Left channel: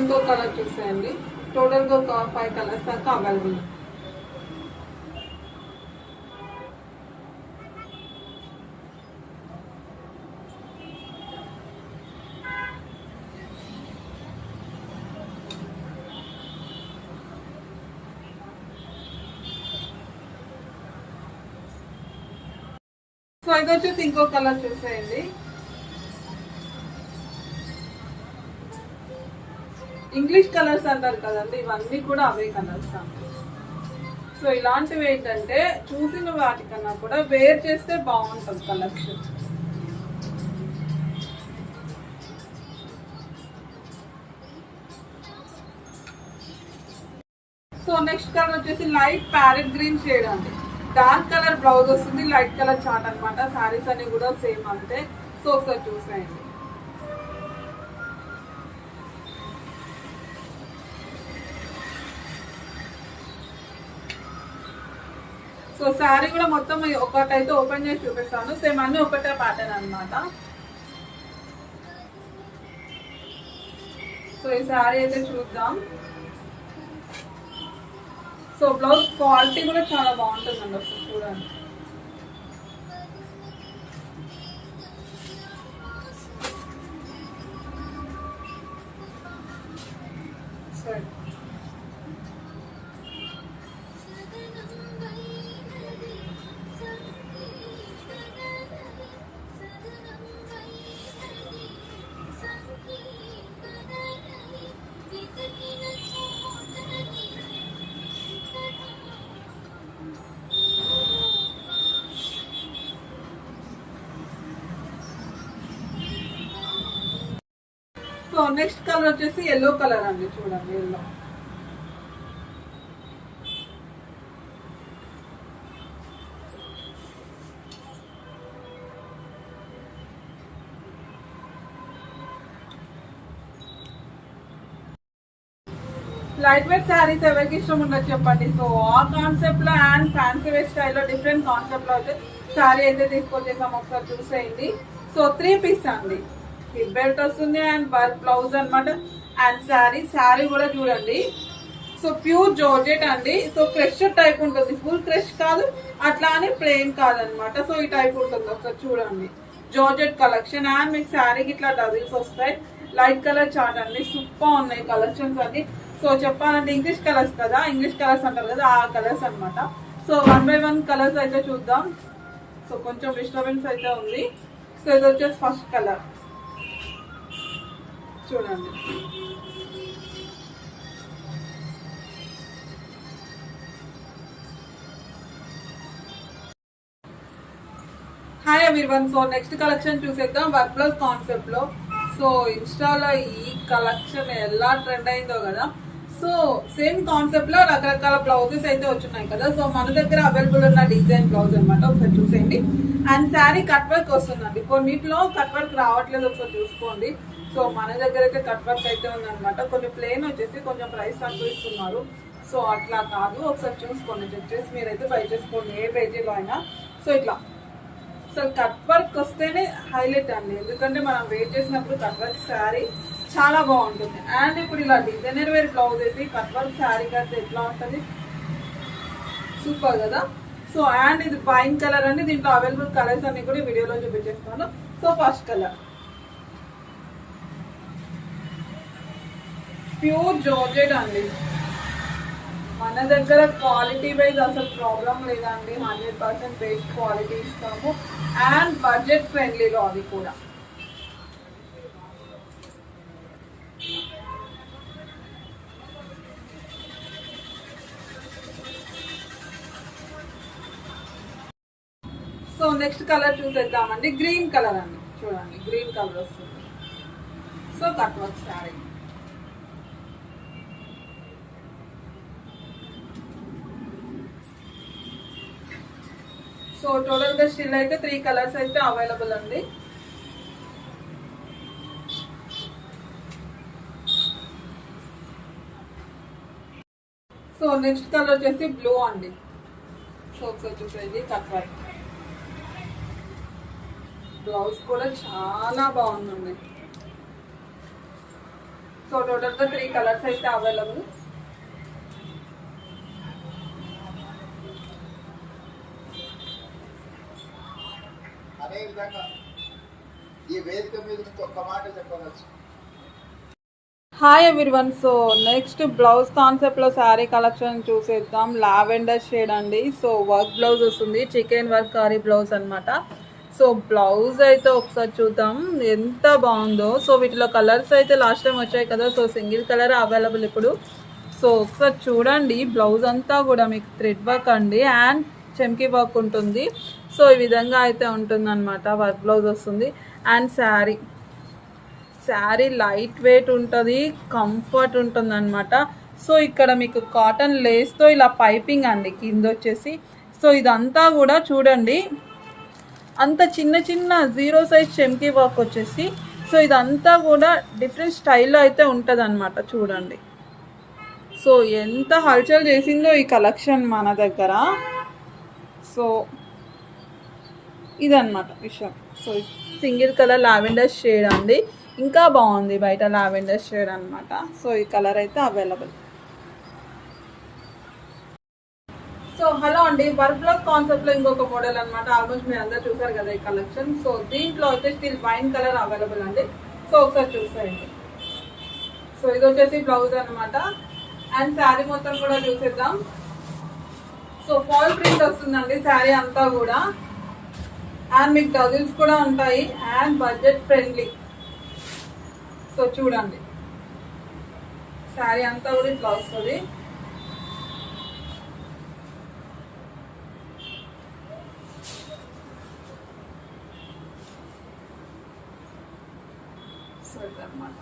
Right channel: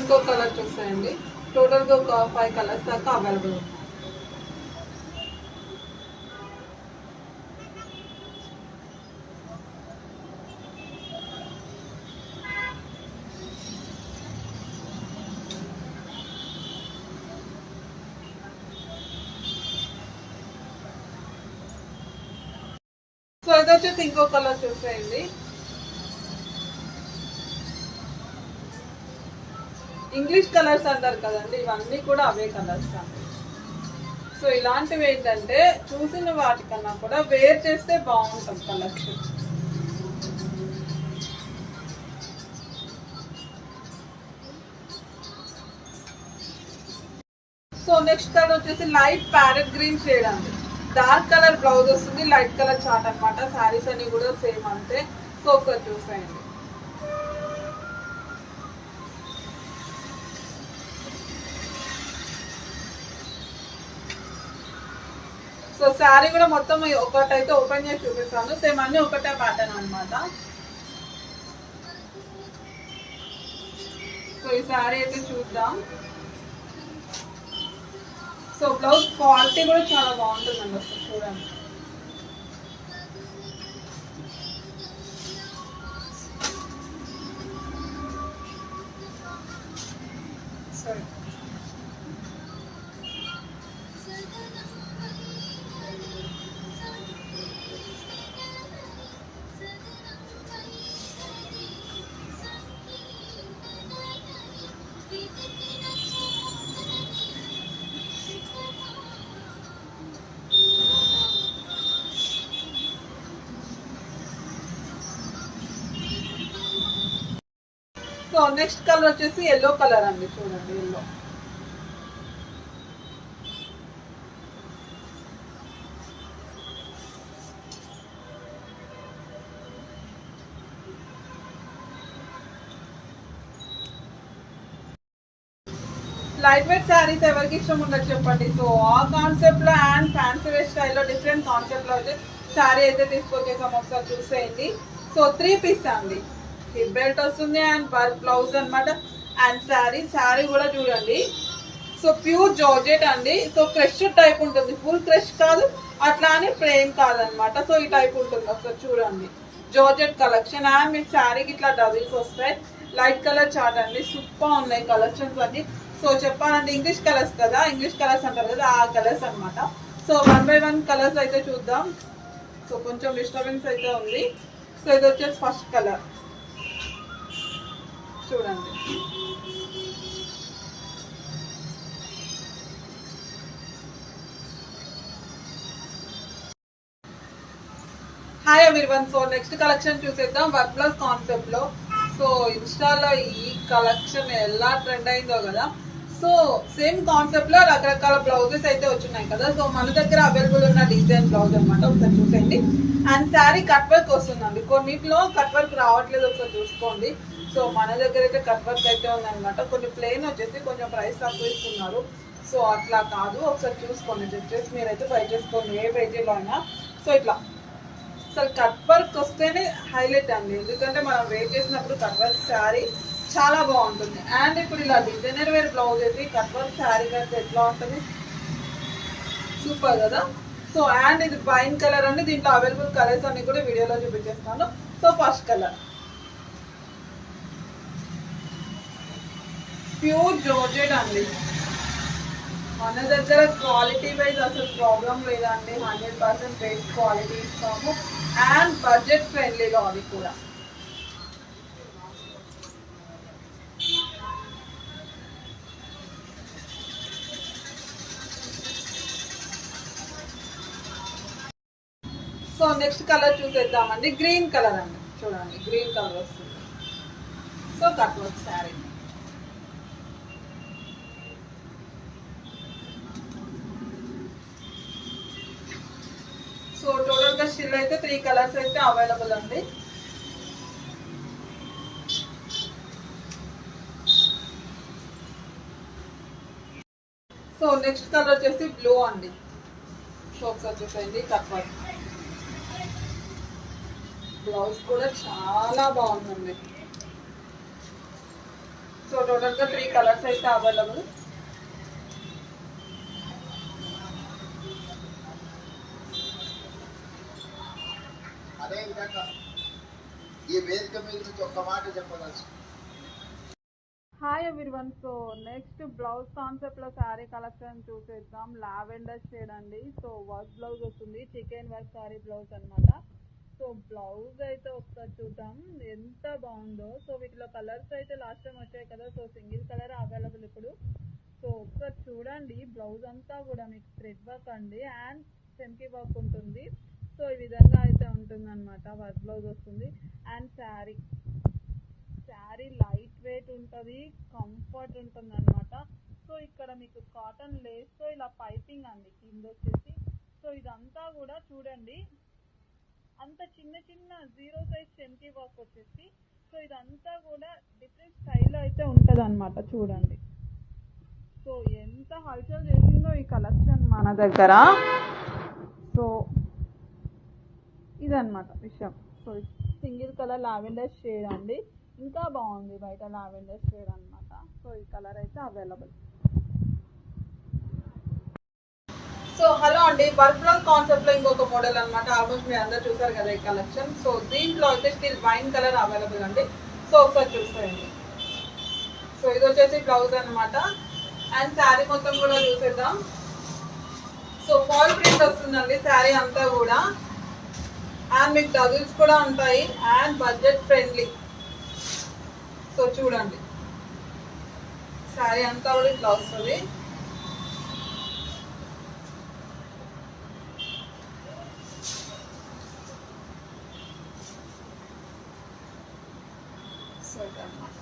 ఇంకో కలర్ చూస్తాయండి. టోటల్గా ఒక 5 కలర్స్ దాకా అవైలబుల్. సో ఇది వచ్చేసి ఇంకో కలర్ చూసేయండి. ఇంగ్లీష్ కలర్స్ అంటారు కదండి, ఇవన్నీ కూడా అవే కలర్స్ అండి. సో ఇలాంటివి ఏంటంటే చూసిన వాటికన్నా కూడా వేర్ చేస్తే బాగుంటుంది కలెక్షన్. సో నెక్స్ట్ కలర్ వచ్చేసి లైట్ ప్యారెట్ గ్రీన్ షేడ్ అండి. డార్క్ కలర్ బ్లౌజ్ వస్తుంది, లైట్ కలర్ చార్ట్ అనమాట. శారీస్ అన్ని కూడా సేమ్ అంతే. సో ఒకసారి చూసేయండి. సో శారీ కూడా మొత్తం ఒకటైతే ఓపెన్ చేసి చూపిస్తాను. సేమ్ అన్ని ఒకటే ప్యాటర్న్ అనమాట. సో ఈ శారీ అయితే చూద్దాం. సో బ్లౌజ్ క్వాలిటీ కూడా చాలా బాగుంటుందండి. అసలు చూడండి. సరే సో నెక్స్ట్ కలర్ వచ్చేసి ఎల్లో కలర్ అండి. చూడండి ఎల్లో. లైట్ వెయిట్ శారీస్ ఎవరికి ఇష్టం ఉండదు చెప్పండి. సో ఆ కాన్సెప్ట్ లో అండ్ ఫ్యాన్సీ వేర్ స్టైల్లో డిఫరెంట్ కాన్సెప్ట్ లో అయితే శారీ అయితే తీసుకొచ్చేసాం. ఒకసారి చూసేయండి. సో 3 పీస్ అండి. హిప్ బెల్ట్ వస్తుంది అండ్ వర్క్ బ్లౌజ్ అనమాట. అండ్ శారీ కూడా చూడండి. సో ప్యూర్ జార్జెట్ అండి. సో క్రష్ టైప్ ఉంటుంది, ఫుల్ క్రష్ కాదు, అట్లా అని ప్లెయిన్ కాదనమాట. సో ఈ టైప్ ఉంటుంది. ఒకసారి చూడండి. జార్జెట్ కలెక్షన్ అండ్ మీకు శారీకి ఇట్లా డబుల్స్ వస్తాయి. లైట్ కలర్ చార్ట్ అండి. సూపర్ ఉన్నాయి కలెక్షన్స్ అన్ని. సో చెప్పాలంటే ఇంగ్లీష్ కలర్స్ కదా, ఇంగ్లీష్ కలర్స్ అంటారు కదా, ఆ కలర్స్ అనమాట. సో 1 by 1 కలర్స్ అయితే చూద్దాం. సో కొంచెం డిస్టర్బెన్స్ అయితే ఉంది. సో ఇది వచ్చేసి ఫస్ట్ కలర్ చూడండి. Hi everyone. So next collection చూసేద్దాం వర్క్ బ్లౌజ్ కాన్సెప్ట్ లో. సో ఇన్స్టాలో ఈ కలెక్షన్ ఎలా ట్రెండ్ అయిందో కదా. సో సేమ్ కాన్సెప్ట్ లో రకరకాల బ్లౌజెస్ అయితే వచ్చినాయి కదా. సో మన దగ్గర అవైలబుల్ ఉన్న డిజైన్ బ్లౌజ్ అనమాట. ఒకసారి చూసేయండి. అండ్ శారీ కట్ వర్క్ వస్తుందండి. కొన్నిట్లో కట్ వర్క్ రావట్లేదు, ఒకసారి చూసుకోండి. సో మన దగ్గర అయితే కట్ వర్క్ అయితే ఉందన్నమాట. కొన్ని ప్లెయిన్ వచ్చేసి కొంచెం ప్రైస్ తక్కువ ఇస్తున్నారు. సో అట్లా కాదు, ఒకసారి చూసుకోండి. చెక్ చేసి మీరైతే బై చేసుకోండి ఏ పేజీలో అయినా. సో ఇట్లా అసలు కట్ వర్క్ వస్తేనే హైలైట్ అండి. ఎందుకంటే మనం వెయిట్ చేసినప్పుడు కట్ వర్క్ శారీ చాలా బాగుంటుంది. అండ్ ఇప్పుడు ఇలా డిజైనర్ వేర్ బ్లౌజ్ వేసి కట్ వర్క్ శారీ కడితే ఎట్లా ఉంటుంది, సూపర్ కదా. సో అండ్ ఇది వైన్ కలర్ అండి. దీంట్లో అవైలబుల్ కలర్స్ అన్ని కూడా వీడియోలో చూపించేస్తాను. So first colour pure georgette అండి. మన దగ్గర క్వాలిటీ వైజ్ అసలు ప్రాబ్లం లేదండి. 100% బెస్ట్ క్వాలిటీ ఇస్తాము అండ్ బడ్జెట్ ఫ్రెండ్లీలో అవి కూడా. సో నెక్స్ట్ కలర్ చూసేద్దామండి. గ్రీన్ కలర్ అండి. చూడండి గ్రీన్ కలర్ వస్తుంది. So cut work saree. So టోటల్గా స్టిల్ అయితే 3 కలర్స్ అయితే అవైలబుల్ అండి. సో నెక్స్ట్ కలర్ వచ్చేసి బ్లూ అండి. సో ఒకసారి చూసేయండి. కట్ వర్క్ బ్లౌజ్ కూడా చాలా బాగుందండి. సో టోటల్గా 3 కలర్స్ అయితే available. Hi everyone. So next blouse కాన్సెప్ట్లో శారీ కలెక్షన్ చూసేద్దాం. లావెండర్ షేడ్ అండి. సో వర్క్ బ్లౌజ్ వస్తుంది, చికెన్ వర్క్ కారీ బ్లౌజ్ అనమాట. సో బ్లౌజ్ అయితే ఒకసారి చూద్దాం ఎంత బాగుందో. సో వీటిలో కలర్స్ అయితే లాస్ట్ టైం వచ్చాయి కదా, సో సింగిల్ కలర్ అవైలబుల్ ఇప్పుడు. సో ఒకసారి చూడండి, బ్లౌజ్ అంతా కూడా మీకు థ్రెడ్ వర్క్ అండి అండ్ చెమ్కీ వర్క్ ఉంటుంది. సో ఈ విధంగా అయితే ఉంటుందన్నమాట. వర్క్ బ్లౌజ్ వస్తుంది అండ్ శారీ లైట్ వెయిట్ ఉంటుంది, కంఫర్ట్ ఉంటుంది అనమాట. సో ఇక్కడ మీకు కాటన్ లేస్తో ఇలా పైపింగ్ అండి కింద వచ్చేసి. సో ఇదంతా కూడా చూడండి, అంత చిన్న చిన్న 0 సైజ్ చెమ్కీ వర్క్ వచ్చేసి. సో ఇదంతా కూడా డిఫరెంట్ స్టైల్లో అయితే ఉంటుంది అనమాట. చూడండి, సో ఎంత హల్చల్ చేసిందో ఈ కలెక్షన్ మన దగ్గర. సో ఇదన్నమాట విషయం. So single colour lavender shade అండి, ఇంకా బాగుంది బయట లావెండర్ షేడ్ అనమాట. సో ఈ కలర్ అయితే అవైలబుల్. సో హలో అండి, వర్క్ బ్లౌజ్ కాన్సెప్ట్లో ఇంకొక మోడల్ అనమాట. ఆల్మోస్ట్ మీరు అందరు చూసారు కదా ఈ కలెక్షన్. సో దీంట్లో అయితే స్టిల్ వైన్ కలర్ అవైలబుల్ అండి. సో ఒకసారి చూసేయండి. సో ఇది వచ్చేసి బ్లౌజ్ అనమాట అండ్ శారీ మొత్తం కూడా చూసేద్దాం. సో ఫాల్ ప్రింట్ వస్తుందండి శారీ అంతా కూడా అండ్ మీకు డజిల్స్ కూడా ఉంటాయి అండ్ బడ్జెట్ ఫ్రెండ్లీ. సో చూడండి, శారీ అంతా కూడా ఇట్లా వస్తుంది. సో ఇదన్నమాట.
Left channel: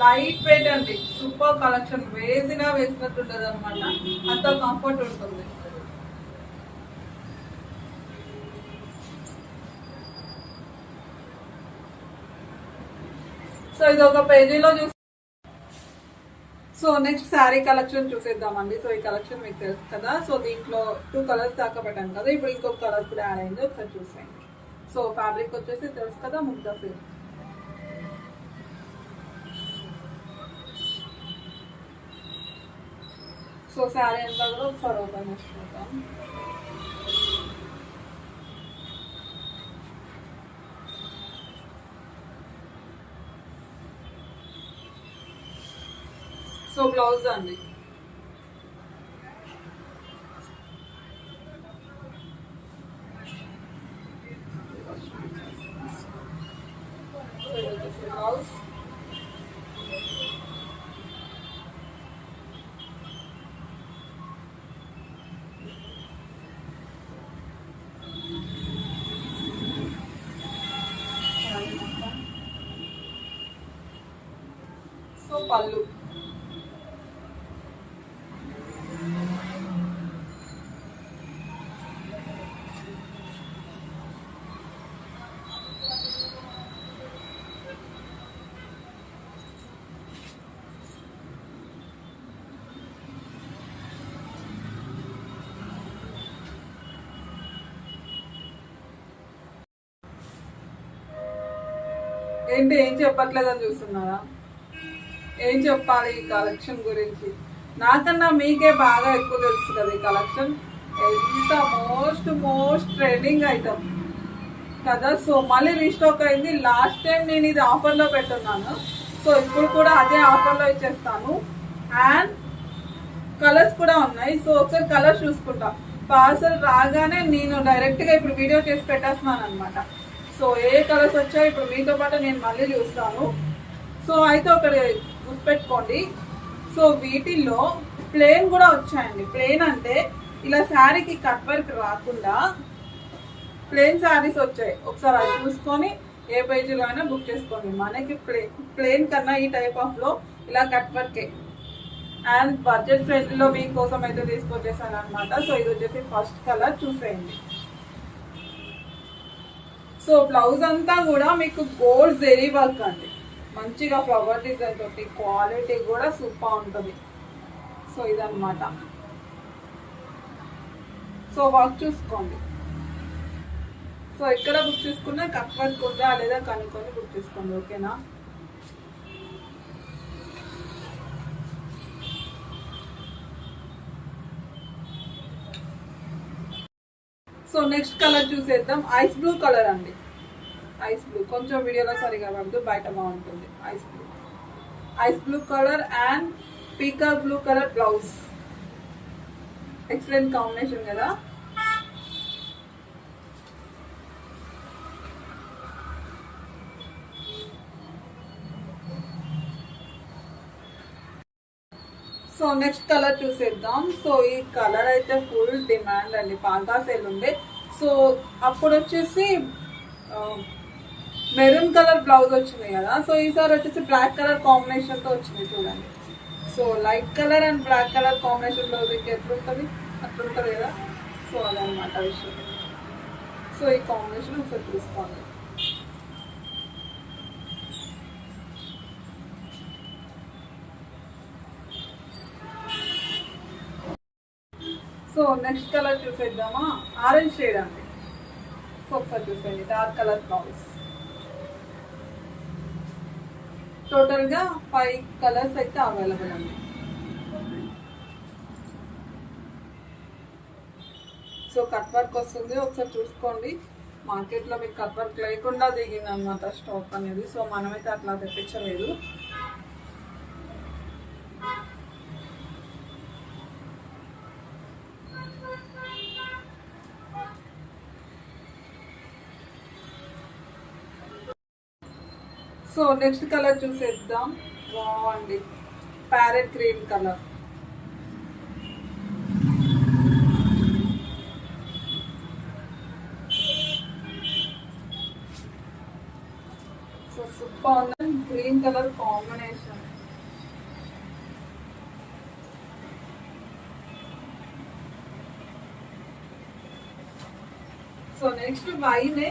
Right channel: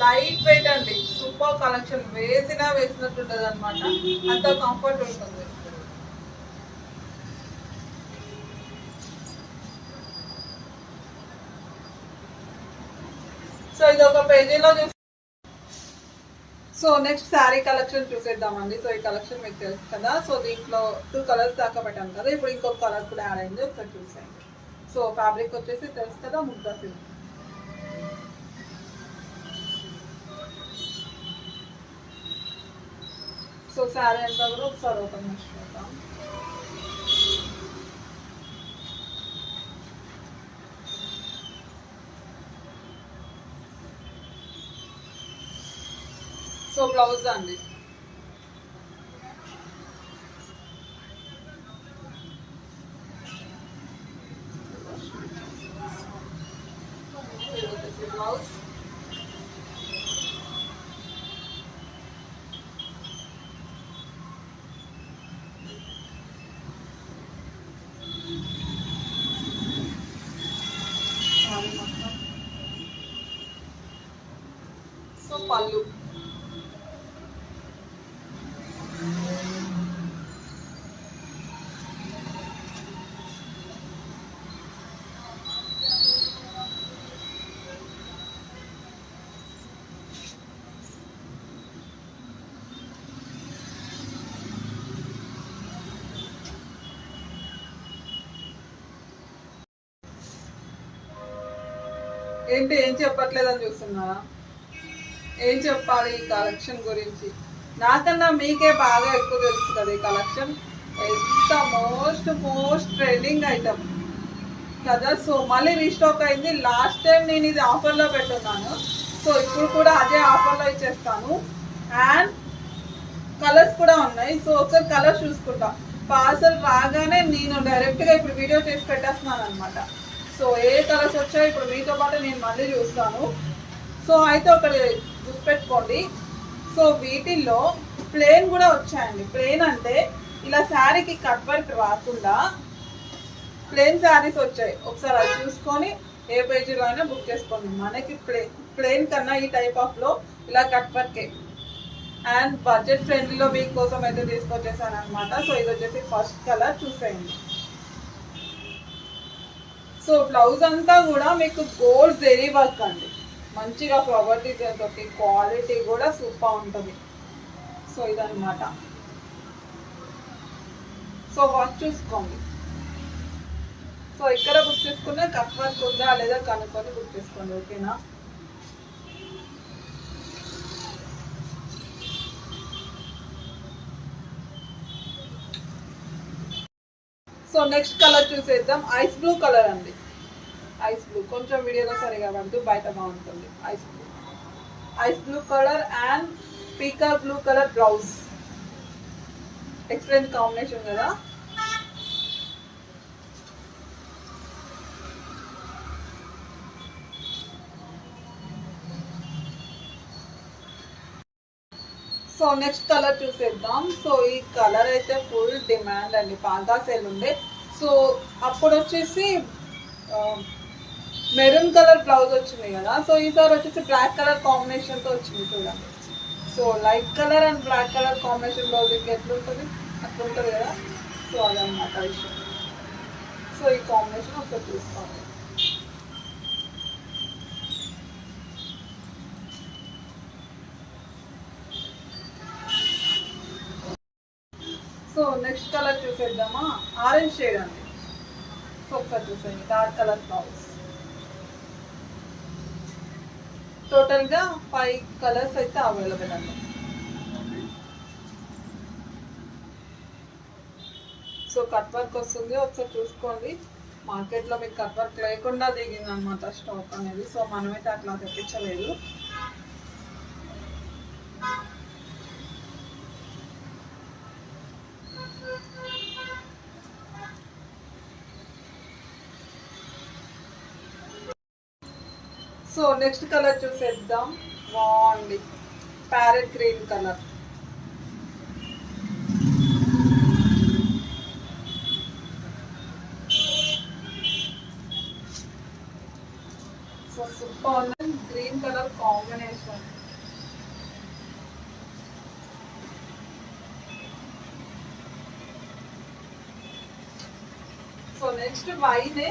లైట్ వెయిట్ అండి, సూపర్ కలెక్షన్. వేసినట్టు ఉంటుంది అనమాట, అంత కంఫర్ట్ ఉంటుంది. సో ఇది ఒక పేజీలో చూసి. సో నెక్స్ట్ శారీ కలెక్షన్ చూసేద్దామండి. సో ఈ కలెక్షన్ మీకు తెలుసు కదా. సో దీంట్లో 2 కలర్స్ దాకా పెట్టాను కదా, ఇప్పుడు ఇంకొక కలర్ కూడా యాడ్ అయింది, ఒకసారి చూసేయండి. సో ఫ్యాబ్రిక్ వచ్చేసి తెలుసు కదా, ముగ్ధా సిల్క్. సో శారీ అంతా కూడా ఒకసారి ఓపెన్ చేసి చూద్దాం. సో బ్లౌజ్ అండి. బ్లౌజ్ సో పళ్ళు. ఏంటి ఏం చెప్పట్లేదని చూస్తున్నారా? ఏం చెప్పాలి ఈ కలెక్షన్ గురించి? నాకన్నా మీకే బాగా ఎక్కువ తెలుసు కదా ఈ కలెక్షన్. ఎంత మోస్ట్ ట్రెండింగ్ ఐటమ్ కదా. సో మళ్ళీ రీస్టాక్ అయింది. లాస్ట్ టైం నేను ఇది ఆఫర్లో పెట్టున్నాను, సో ఇప్పుడు కూడా అదే ఆఫర్లో ఇచ్చేస్తాను. అండ్ కలర్స్ కూడా ఉన్నాయి. సో ఒకసారి కలర్స్ చూసుకుంటా. పార్సల్ రాగానే నేను డైరెక్ట్గా ఇప్పుడు వీడియో చేసి పెట్టేస్తున్నాను అనమాట. సో ఏ కలర్స్ వచ్చాయి ఇప్పుడు మీతో పాటు నేను మళ్ళీ చూస్తాను. సో అయితే ఒకటి గుర్తుపెట్టుకోండి, సో వీటిల్లో ప్లెయిన్ కూడా వచ్చాయండి. ప్లెయిన్ అంటే ఇలా శారీకి కట్ వర్క్ రాకుండా ప్లెయిన్ శారీస్ వచ్చాయి. ఒకసారి అది చూసుకొని ఏ పేజీలో అయినా బుక్ చేసుకోండి. మనకి ప్లెయిన్ కన్నా ఈ టైప్ ఆఫ్లో ఇలా కట్ వర్కే అండ్ బడ్జెట్ ఫ్రెండ్లీలో మీకోసం అయితే తీసుకొచ్చేసాను అనమాట. సో ఇది వచ్చేసి ఫస్ట్ కలర్ చూసేయండి. సో బ్లౌజ్ అంతా కూడా మీకు గోల్డ్ జెరీ వర్క్ అండి, మంచిగా ఫ్లవర్ డిజైన్ తోటి, క్వాలిటీ కూడా సూపర్ ఉంటుంది. సో ఇదన్నమాట. సో వర్క్ చూసుకోండి. సో ఇక్కడ బుక్ చేసుకున్నా కప్ వర్క్ ఉందా లేదా కనుక్కొని బుక్ చేసుకోండి, ఓకేనా. సో నెక్స్ట్ కలర్ చూసేద్దాం. ఐస్ బ్లూ కలర్ అండి. ఐస్ బ్లూ కొంచెం వీడియోలో సరిగా పడుతూ బయట బాగుంటుంది. Ice blue colour and peacock blue colour blouse. Excellent combination కదా. సో నెక్స్ట్ కలర్ చూసేద్దాం. సో ఈ కలర్ అయితే ఫుల్ డిమాండ్ అండి, పాగా సేల్ ఉంది. సో అప్పుడు వచ్చేసి మెరూన్ కలర్ బ్లౌజ్ వచ్చింది కదా. సో ఈసారి వచ్చేసి బ్లాక్ కలర్ కాంబినేషన్తో వచ్చింది చూడండి. So light colour and black colour combination blouse ఎట్లుంటుంది అట్లుంటుంది కదా. సో అదనమాట విషయం. సో ఈ కాంబినేషన్ ఒకసారి చూసుకోండి. సో నెక్స్ట్ కలర్ చూసేద్దామా. ఆరెంజ్ షేడ్ అండి. సో ఒకసారి చూసేయండి, డార్క్ కలర్ బ్లౌజ్. టోటల్గా 5 కలర్స్ అయితే అవైలబుల్ అండి. సో కట్ వర్క్ వస్తుంది, ఒకసారి చూసుకోండి. మార్కెట్లో మీకు కట్ వర్క్ లేకుండా దిగింది అనమాట స్టాక్ అనేది. సో మనమైతే అట్లా తెప్పించలేదు. సో నెక్స్ట్ కలర్ చూసేద్దాం. బాగుంది, parrot green colour. So super ఉంది, green colour combination. So next వైనే